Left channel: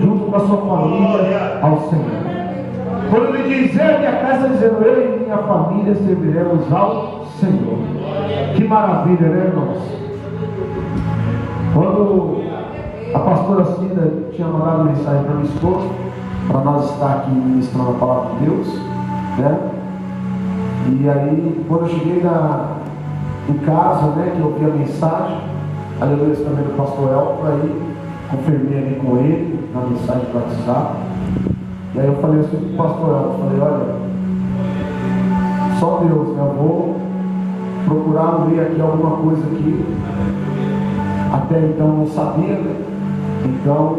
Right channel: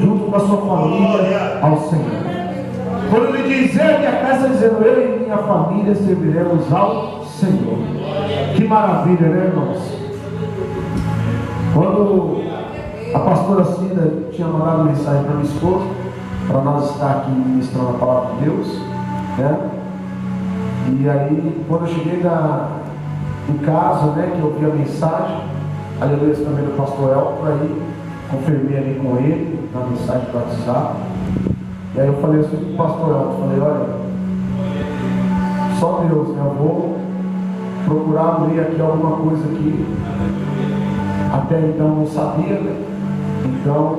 junto com a sua família ao Senhor. Quando ele diz, ele a casa dizendo, eu e minha família serviremos ao Senhor. Que maravilha, né, irmãos? Quando a pastora Cida tinha mandado mensagem para minha esposa, para nós estar aqui ministrando a palavra de Deus, né? E aí, quando eu cheguei em casa, né, que eu vi a mensagem, aí eu li também do pastor Elton, aí confirmei ali com ele, na mensagem do WhatsApp. E aí eu falei assim pro pastor Elton, falei, olha, só Deus, né, eu vou procurar ler aqui alguma coisa aqui. Até então não sabia, né? Então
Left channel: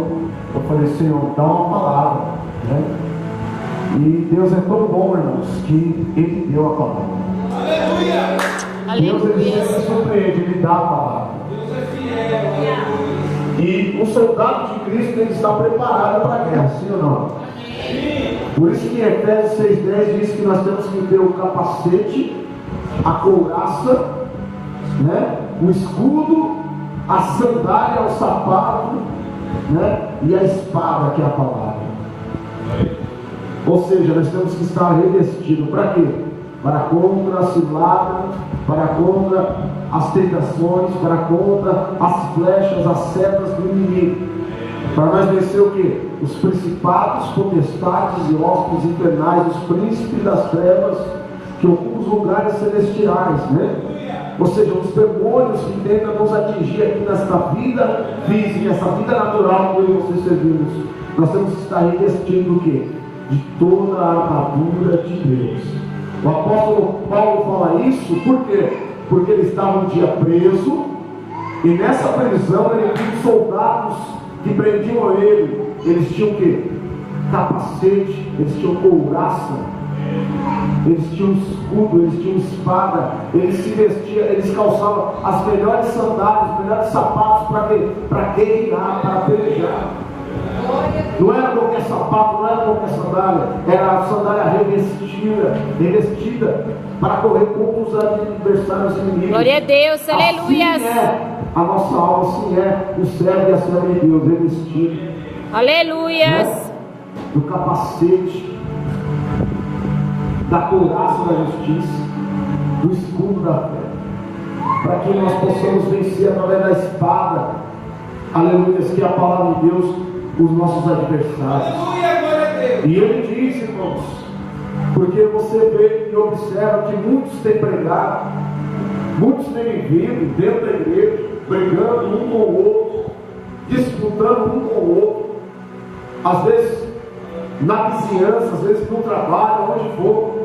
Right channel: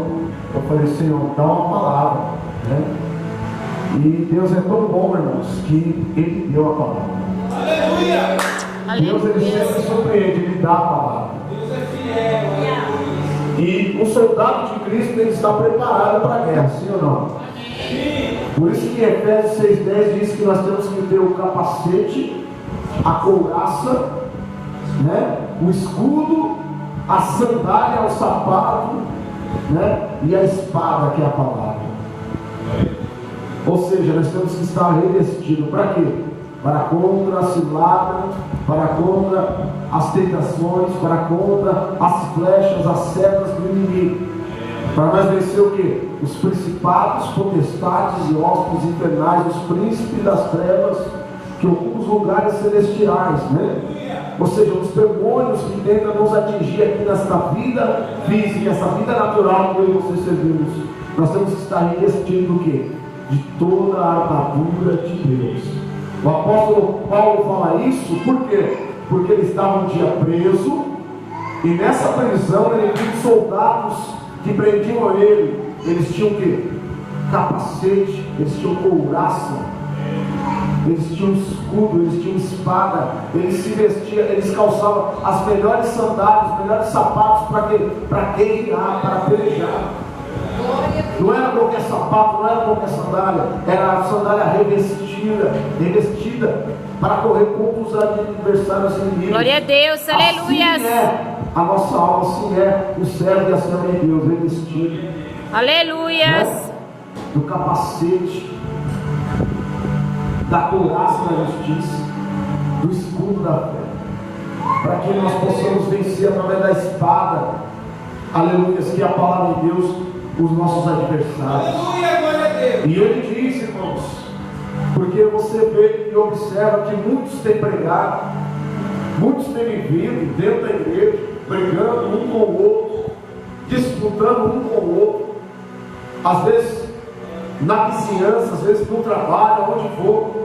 eu falei, Senhor, dá uma palavra, né? E Deus é tão bom, irmãos, que Ele deu a palavra. Aleluia! Deus, Ele sempre surpreende, Ele dá a palavra. Deus é fiel. E o soldado de Cristo tem que estar preparado para a guerra, sim ou não? Por isso que Efésios 6,10 diz que nós temos que ter o capacete, a couraça, né? O escudo, a sandália, o sapato, né? E a espada, que é a palavra. Ou seja, nós temos que estar revestidos para quê? Para contra a cilada, para contra as tentações, para contra as flechas, as setas do inimigo. Para nós vencer o quê? Os principados, potestades e hóspedes infernais, os príncipes das trevas que ocupam os lugares celestiais, né? Ou seja, os demônios que tentam nos atingir aqui nesta vida física, essa vida natural que eu e vocês servimos. Nós temos que estar revestidos do quê? De toda a armadura de Deus. O apóstolo Paulo fala isso, por quê? Porque ele estava um dia preso, e nessa prisão ele viu soldados que prendiam ele. Eles tinham o quê? Capacete, eles tinham couraça, eles tinham escudo, eles tinham espada, eles se vestiam, eles calçavam as melhores sandálias, os melhores sapatos para quê? Para guerrear, para pelejar. Não era qualquer sapato, não era qualquer sandália, era a sandália revestida para correr contra os adversários inimigos. Glória a Deus, aleluia. Assim é a nossa alma, assim é o servo e a serva de Deus, revestido. Aleluia. Né? Do capacete, da couraça da justiça, do escudo da fé, para que nós possamos vencer através da espada, aleluia, que é a palavra de Deus, os nossos adversários. E ele diz, irmãos, porque você vê e observa que muitos têm pregado, muitos têm vivido dentro da igreja, brigando um com o outro, disputando um com o outro, às vezes na vizinhança, às vezes no trabalho, onde for.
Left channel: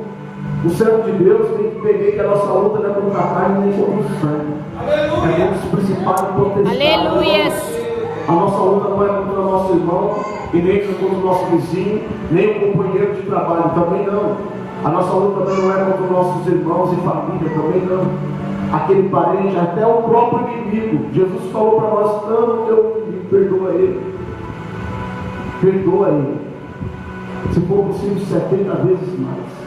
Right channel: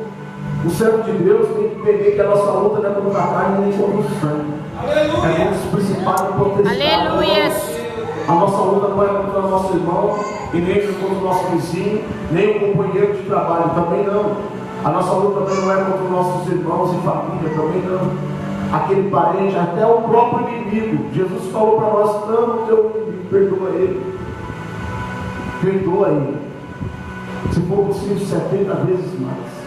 O servo de Deus tem que entender que a nossa luta não é contra a carne nem contra o sangue, é contra os principais potestades. Aleluia. A nossa luta não é contra o nosso irmão, e nem contra o nosso vizinho, nem o companheiro de trabalho, também não. A nossa luta também não é contra os nossos irmãos e família, também não. Aquele parente, até o próprio inimigo. Jesus falou para nós: ama o teu inimigo, perdoa ele. Perdoa ele. Se for possível, 70 vezes mais.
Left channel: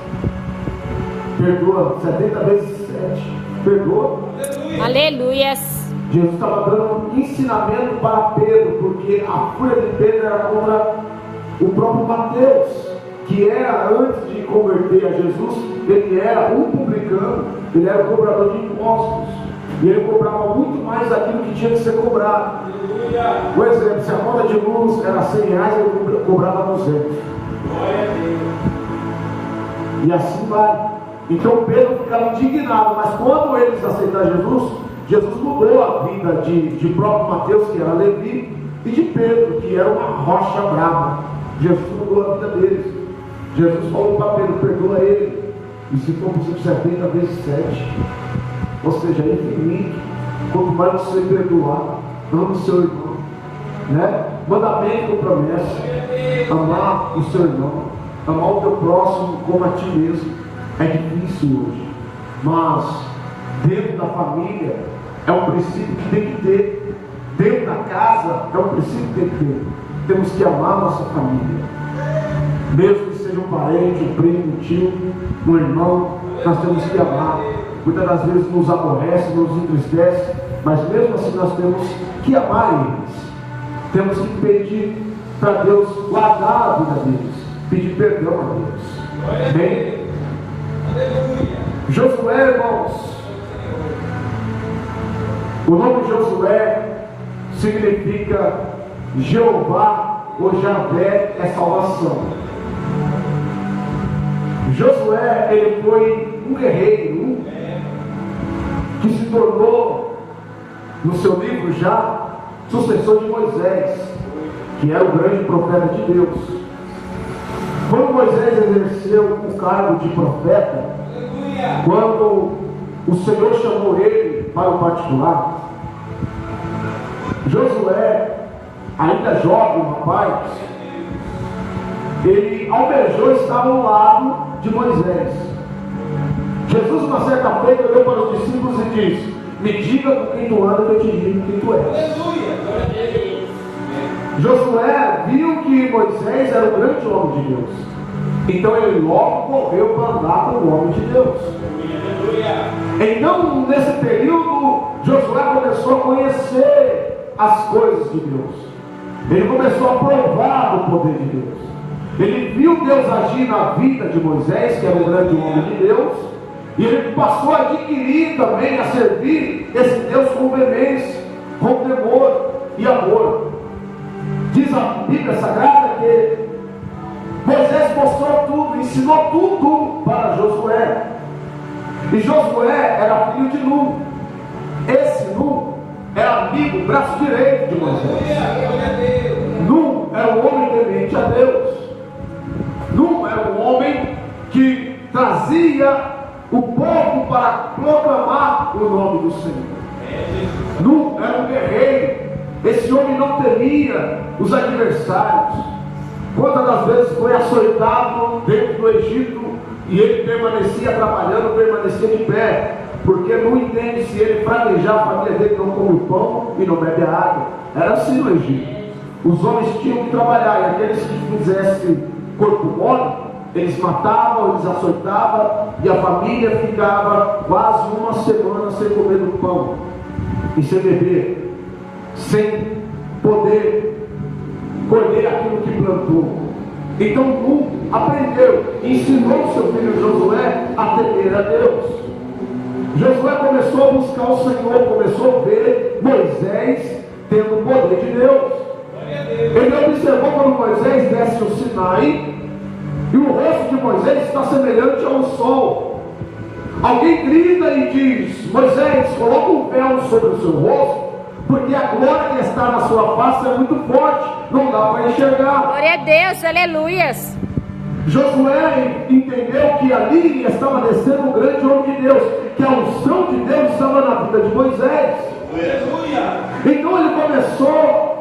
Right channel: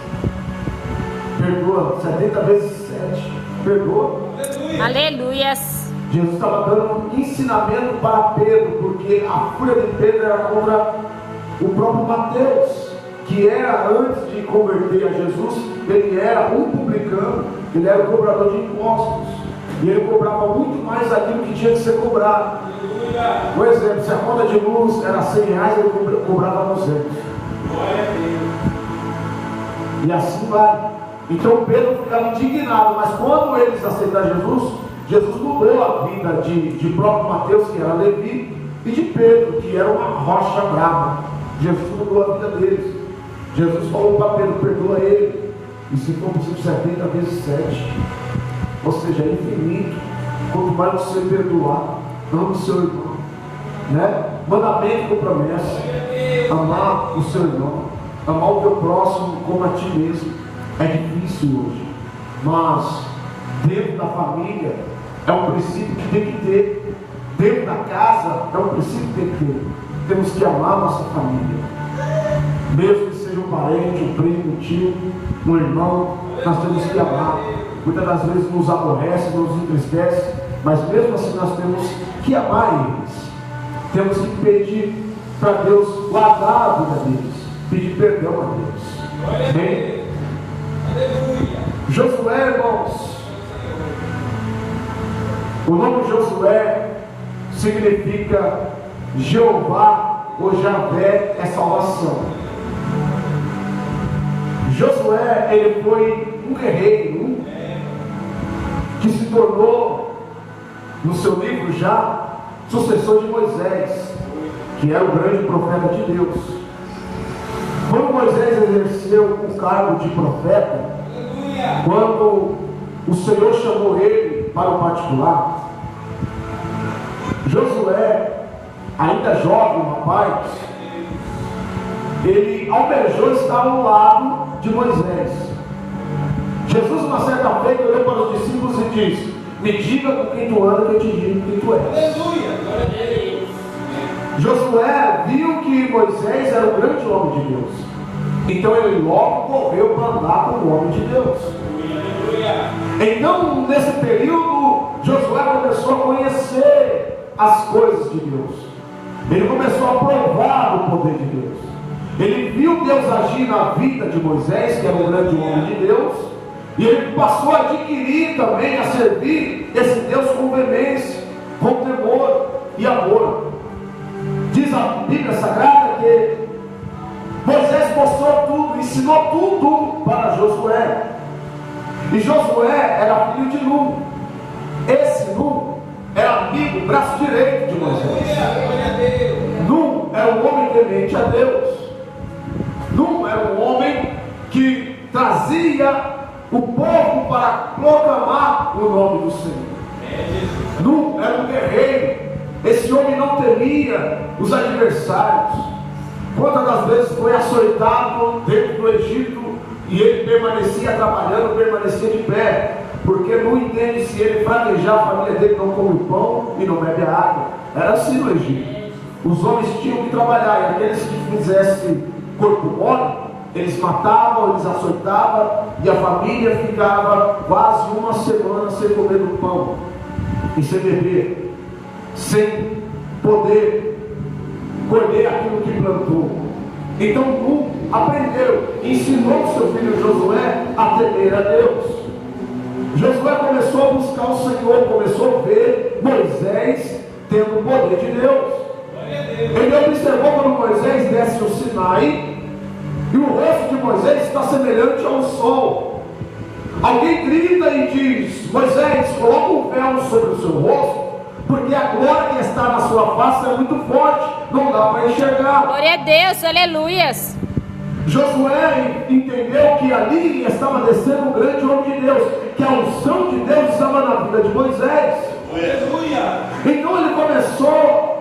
Perdoa, 70 vezes 7. Perdoa. Aleluia. Jesus estava dando um ensinamento para Pedro, porque a fúria de Pedro era contra o próprio Mateus, que era, antes de converter a Jesus, ele era um publicano, ele era um cobrador de impostos, e ele cobrava muito mais daquilo que tinha que ser cobrado. Por exemplo, se a conta de luz era R$100, ele cobrava 200. E assim vai. Então Pedro ficava indignado, mas quando eles aceitaram Jesus, Jesus mudou a vida de próprio Mateus, que era Levi, e de Pedro, que era uma rocha brava. Jesus mudou a vida deles. Jesus falou para Pedro: perdoa ele, e se for possível 70 vezes 7. Ou seja, é infinito. Quanto mais você perdoar, ama o seu irmão, né? Mandamento com promessa: amar o seu irmão, amar o teu próximo como a ti mesmo. É difícil hoje, mas dentro da família é um princípio que tem que ter. Dentro da casa é um princípio que tem que ter. Temos que amar a nossa família, mesmo que seja um parente, um primo, um tio, um irmão. Nós temos que amar. Muitas das vezes nos aborrece, nos entristece, mas mesmo assim nós temos que amar eles. Temos que pedir para Deus guardar a vida deles, pedir perdão a Deus. Amém? Josué, irmãos, o nome de Josué significa Jeová ou Javé é salvação. Josué, ele foi um guerreiro que se tornou, no seu livro já, sucessor de Moisés, que era o grande profeta de Deus. Quando Moisés exerceu o cargo de profeta, quando o Senhor chamou ele para o particular, Josué, ainda jovem, rapaz, ele almejou estar ao lado de Moisés. Jesus, uma certa feita, olhou para os discípulos e disse: me diga com quem tu andas, que eu te digo quem tu és. Josué viu que Moisés era o grande homem de Deus, então ele logo correu para andar com o homem de Deus. Então, nesse período, Josué começou a conhecer as coisas de Deus. Ele começou a provar o poder de Deus. Ele viu Deus agir na vida de Moisés, que era um grande homem de Deus, e ele passou a adquirir também, a servir esse Deus com veemência, com temor e amor. Diz a Bíblia Sagrada que Moisés mostrou tudo, ensinou tudo para Josué. E Josué era filho de Nun. Esse Nun era amigo, braço direito de Moisés. Nun era um homem temente a Deus. Nun era um homem que trazia o povo para proclamar o nome do Senhor. Nun era um guerreiro. Esse homem não temia os adversários. Quantas das vezes foi açoitado dentro do Egito e ele permanecia trabalhando, permanecia de pé, porque não entende, se ele fraquejar, a família dele não come o pão e não bebe a água. Era assim no Egito. Os homens tinham que trabalhar, e aqueles que fizessem corpo mole, eles matavam, eles açoitavam, e a família ficava quase uma semana sem comer o pão e sem beber, sem poder colher aquilo que plantou. Então Nun aprendeu, ensinou seu filho Josué a temer a Deus. Josué começou a buscar o Senhor, começou a ver Moisés tendo o poder de Deus. Ele observou quando Moisés desce o Sinai, e o rosto de Moisés está semelhante ao sol. Alguém grita e diz: Moisés, coloca um véu sobre o seu rosto, porque a glória que está na sua face é muito forte, não dá para enxergar. Glória a Deus, aleluias. Josué entendeu que ali estava descendo um grande homem de Deus, que a unção de Deus estava na vida de Moisés. Aleluia. Então ele começou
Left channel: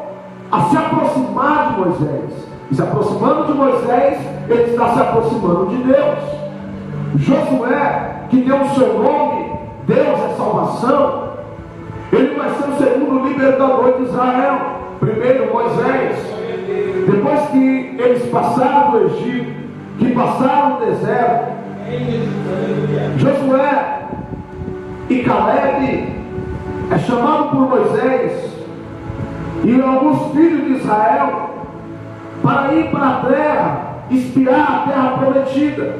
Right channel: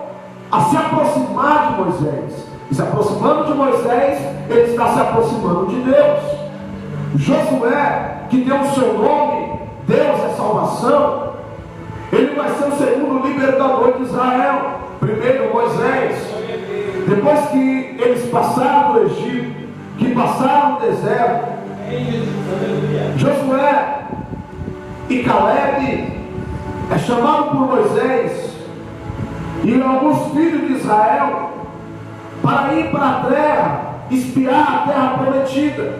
a se aproximar de Moisés, e se aproximando de Moisés, ele está se aproximando de Deus. Josué, que tem o seu nome, Deus é salvação, ele vai ser o segundo libertador de Israel. Primeiro Moisés, depois que eles passaram do Egito, que passaram no deserto, Josué e Caleb é chamado por Moisés e alguns filhos de Israel para ir para a terra, espiar a terra prometida.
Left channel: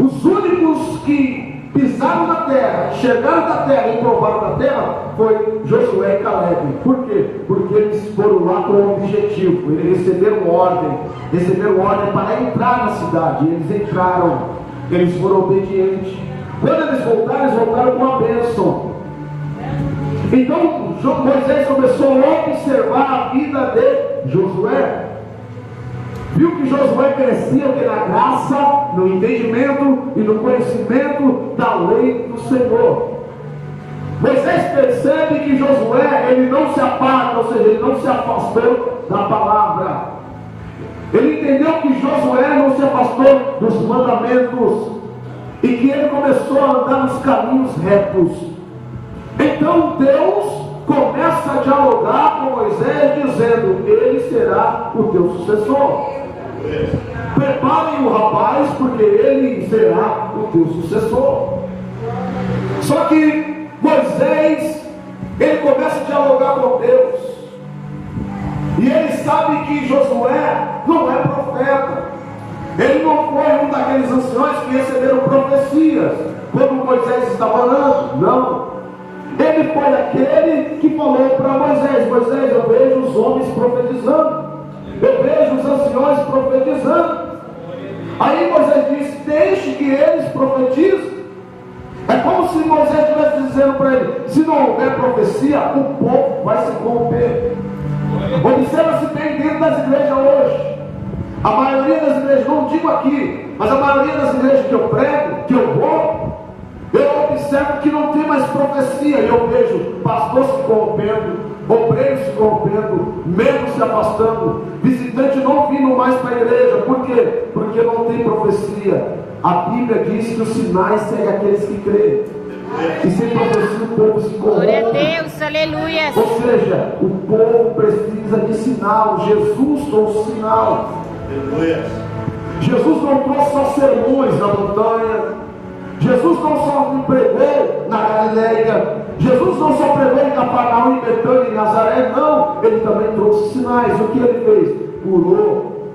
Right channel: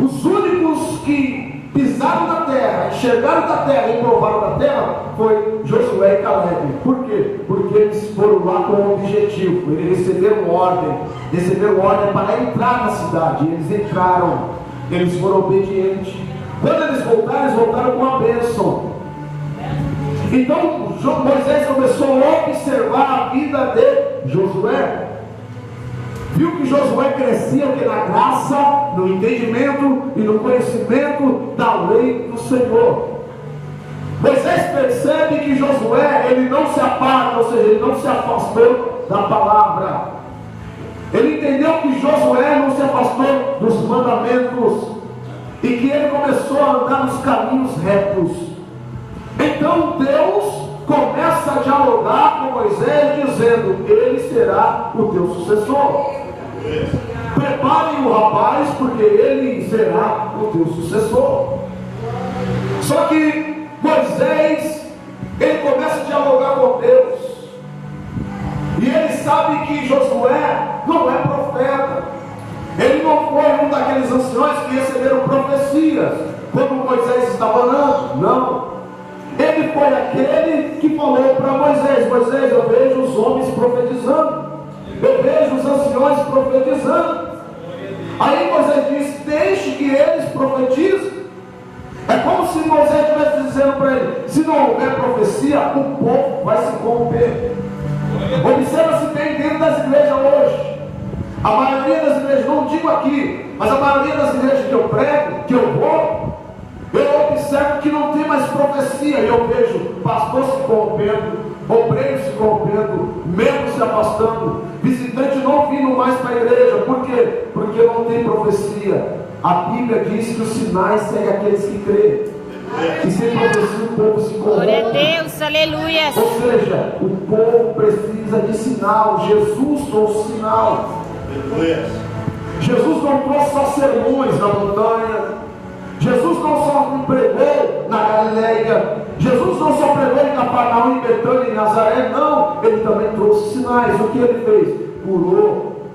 Os únicos que pisaram na terra, chegaram da terra e provaram da terra foi Josué e Caleb. Por quê? Porque eles foram lá com um objetivo. Eles receberam ordem para entrar na cidade. Eles entraram, eles foram obedientes. Quando eles voltaram com a bênção. Então Moisés começou a observar a vida de Josué. Viu que Josué crescia na graça, no entendimento e no conhecimento da lei do Senhor. Moisés percebe que Josué, ele não se aparta, ou seja, ele não se afastou da palavra. Ele entendeu que Josué não se afastou dos mandamentos e que ele começou a andar nos caminhos retos. Então Deus começa a dialogar com Moisés, dizendo: ele será o teu sucessor. Preparem o rapaz, porque ele será o teu sucessor. Só que Moisés, ele começa a dialogar com Deus. E ele sabe que Josué não é profeta. Ele não foi um daqueles anciões que receberam profecias quando Moisés estava orando. Não. Ele foi aquele que falou para Moisés: Moisés, eu vejo os homens profetizando, eu vejo os anciões profetizando. Aí Moisés disse: deixe que eles profetizem. É como se Moisés estivesse dizendo para ele: se não houver profecia, o povo vai se corromper. Observa se tem dentro das igrejas hoje. A maioria das igrejas, não digo aqui, mas a maioria das igrejas que eu prego, que eu vou, eu observo que não tem mais profecia. E eu vejo pastor se corrompendo, obreiros se corrompendo, membros se afastando, visitante não vindo mais para a igreja. Por quê? Porque não tem profecia. A Bíblia diz que os sinais seguem aqueles que creem. E sem profecia o povo se Glória a corrompe. Deus, aleluia. Ou seja, o povo precisa de sinal. Jesus trouxe sinal. Jesus não trouxe só sermões na montanha. Jesus não só pregou na Galileia. Jesus não só pregou em Cafarnaum, em Betânia, em Nazaré. Não, ele também trouxe sinais. O que ele fez? Curou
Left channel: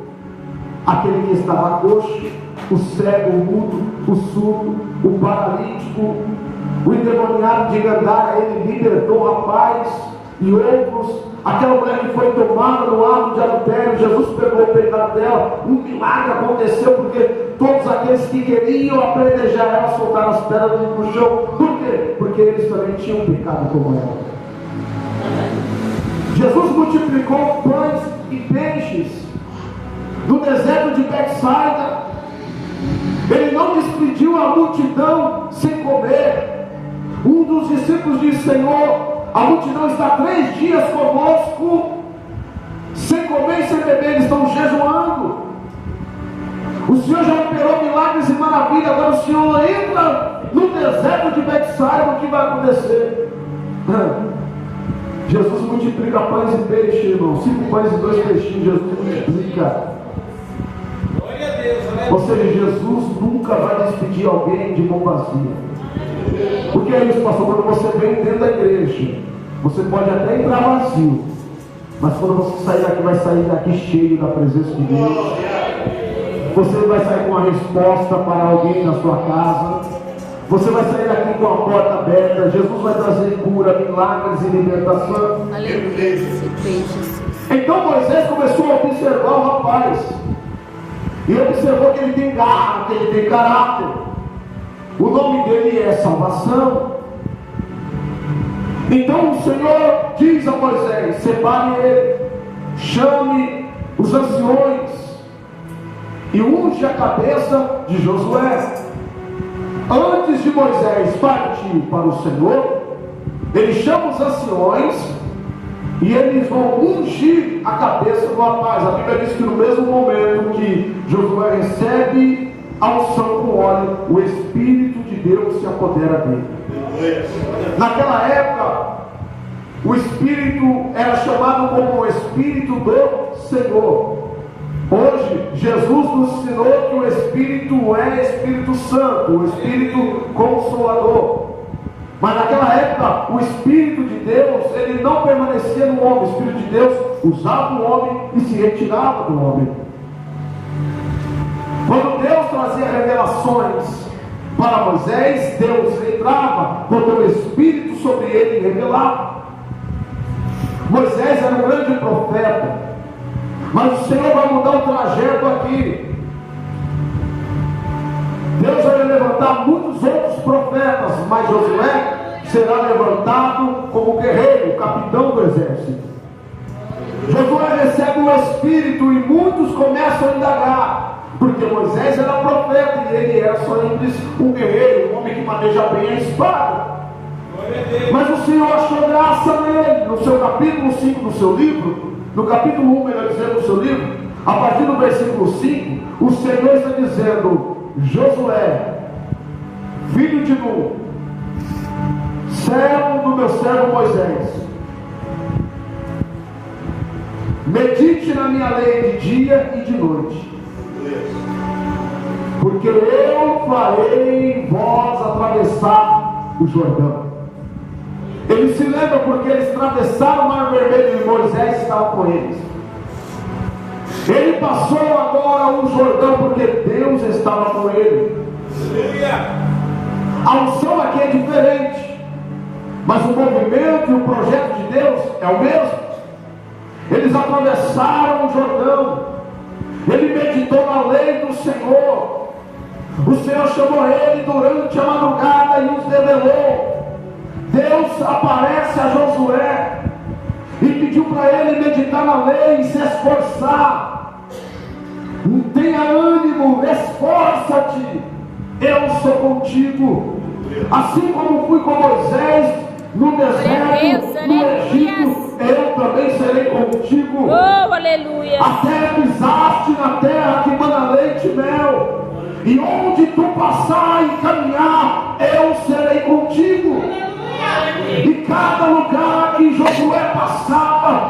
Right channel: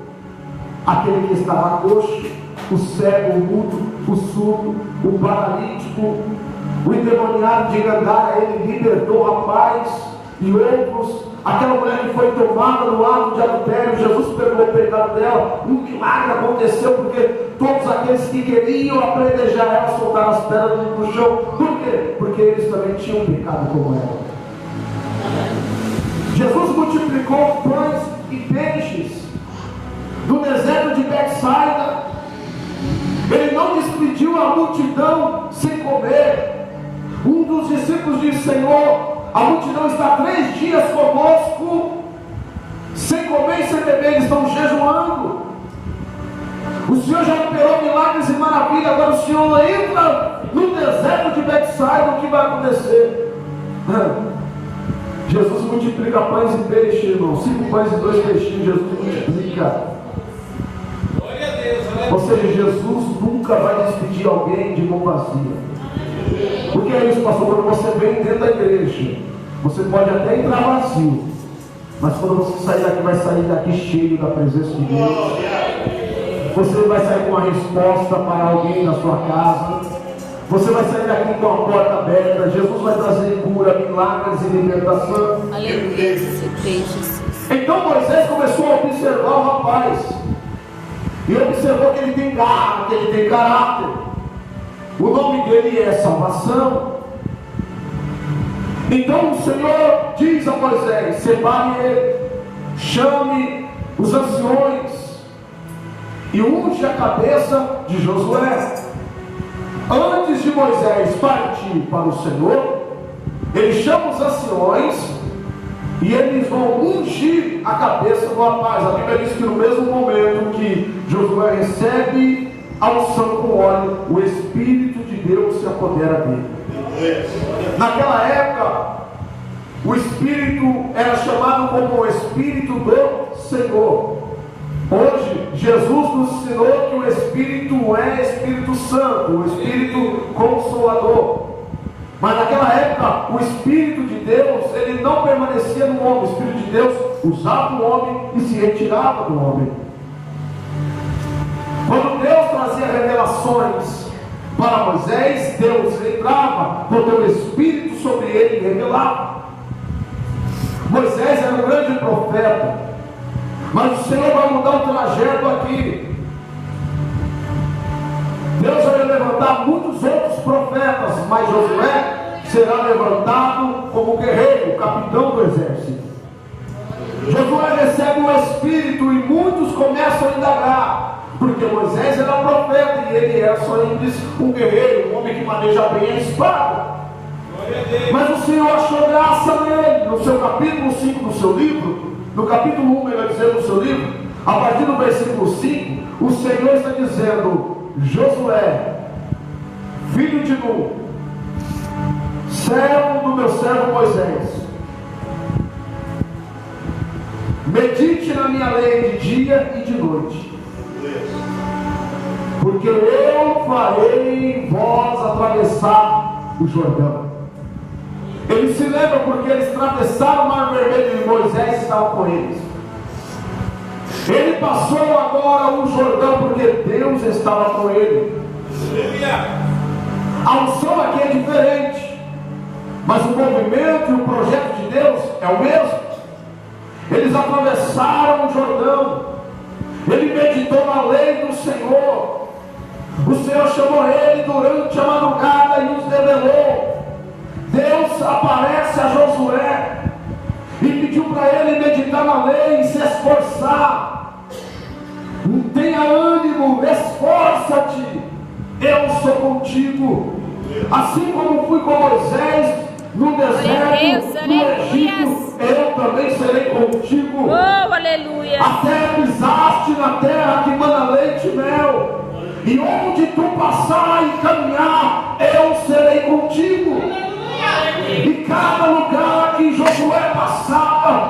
aquele que estava coxo, o cego, o mudo, o surdo, o paralítico, o endemoniado de Gandara. Ele libertou o rapaz e outros. Aquela mulher que foi tomada no ato de adultério, Jesus pegou o pecado dela. Um milagre aconteceu porque todos aqueles que queriam apedrejar ela soltaram as pedras no chão. Por quê? Porque eles também tinham pecado como ela. Jesus multiplicou pães e peixes no deserto de Betsaida. Ele não despediu a multidão sem comer. Um dos discípulos disse: Senhor, a multidão está 3 dias conosco, sem comer e sem beber, eles estão jejuando. O Senhor já operou milagres e maravilhas, agora o Senhor entra no deserto de Betsaida. O que vai acontecer? Jesus multiplica pães e peixes, irmão. 5 pães e 2 peixinhos, Jesus multiplica. Ou seja, Jesus nunca vai despedir alguém de mão vazia. Porque é isso, pastor, quando você vem dentro da igreja, você pode até entrar vazio, mas quando você sair daqui, vai sair daqui cheio da presença de Deus. Você vai sair com uma resposta para alguém na sua casa. Você vai sair daqui com a porta aberta. Jesus vai trazer cura, milagres e libertação. Aleluia. Então Moisés começou a observar o rapaz. E observou que ele tem garra, que ele tem caráter. O nome dele é salvação. Então o Senhor diz a Moisés: separe ele, chame os anciões e unge a cabeça de Josué. Antes de Moisés partir para o Senhor, ele chama os anciões e eles vão ungir a cabeça do rapaz. A Bíblia diz que no mesmo momento que Josué recebe a unção com óleo, o Espírito de Deus se apodera dele. Naquela época, o Espírito era chamado como o Espírito do Senhor. Hoje, Jesus nos ensinou que o Espírito é Espírito Santo, o Espírito Consolador. Mas naquela época, o Espírito de Deus, ele não permanecia no homem. O Espírito de Deus usava o homem e se retirava do homem. Quando Deus trazia revelações para Moisés, Deus entrava com o teu Espírito sobre ele e revelava. Moisés era um grande profeta, mas o Senhor vai mudar o trajeto aqui. Deus vai levantar muitos outros profetas, mas Josué será levantado como guerreiro, capitão do exército. Josué recebe o Espírito e muitos começam a indagar, porque Moisés era profeta e ele era só um guerreiro, um homem que maneja bem a espada. Mas o Senhor achou graça nele. No seu capítulo 5 do seu livro, no capítulo 1, melhor dizendo, do seu livro, a partir do versículo 5, o Senhor está dizendo: Josué, filho de Nun, servo do meu servo Moisés, medite na minha lei de dia e de noite, porque eu farei vós atravessar o Jordão. Ele se lembra porque eles atravessaram o Mar Vermelho e Moisés estava com eles. Ele passou agora o Jordão porque Deus estava com ele. A unção aqui é diferente, mas o movimento e o projeto de Deus é o mesmo. Eles atravessaram o Jordão. Ele meditou na lei do Senhor. O Senhor chamou ele durante a madrugada e os revelou. Deus aparece a Josué e pediu para ele meditar na lei e se esforçar. Tenha ânimo, esforça-te, eu sou contigo. Assim como fui com Moisés no deserto, no Egito, eu também serei contigo. Oh, aleluia. Até pisaste na terra que mana leite e mel, e onde tu passar e caminhar, eu serei contigo. E cada lugar que Josué passava,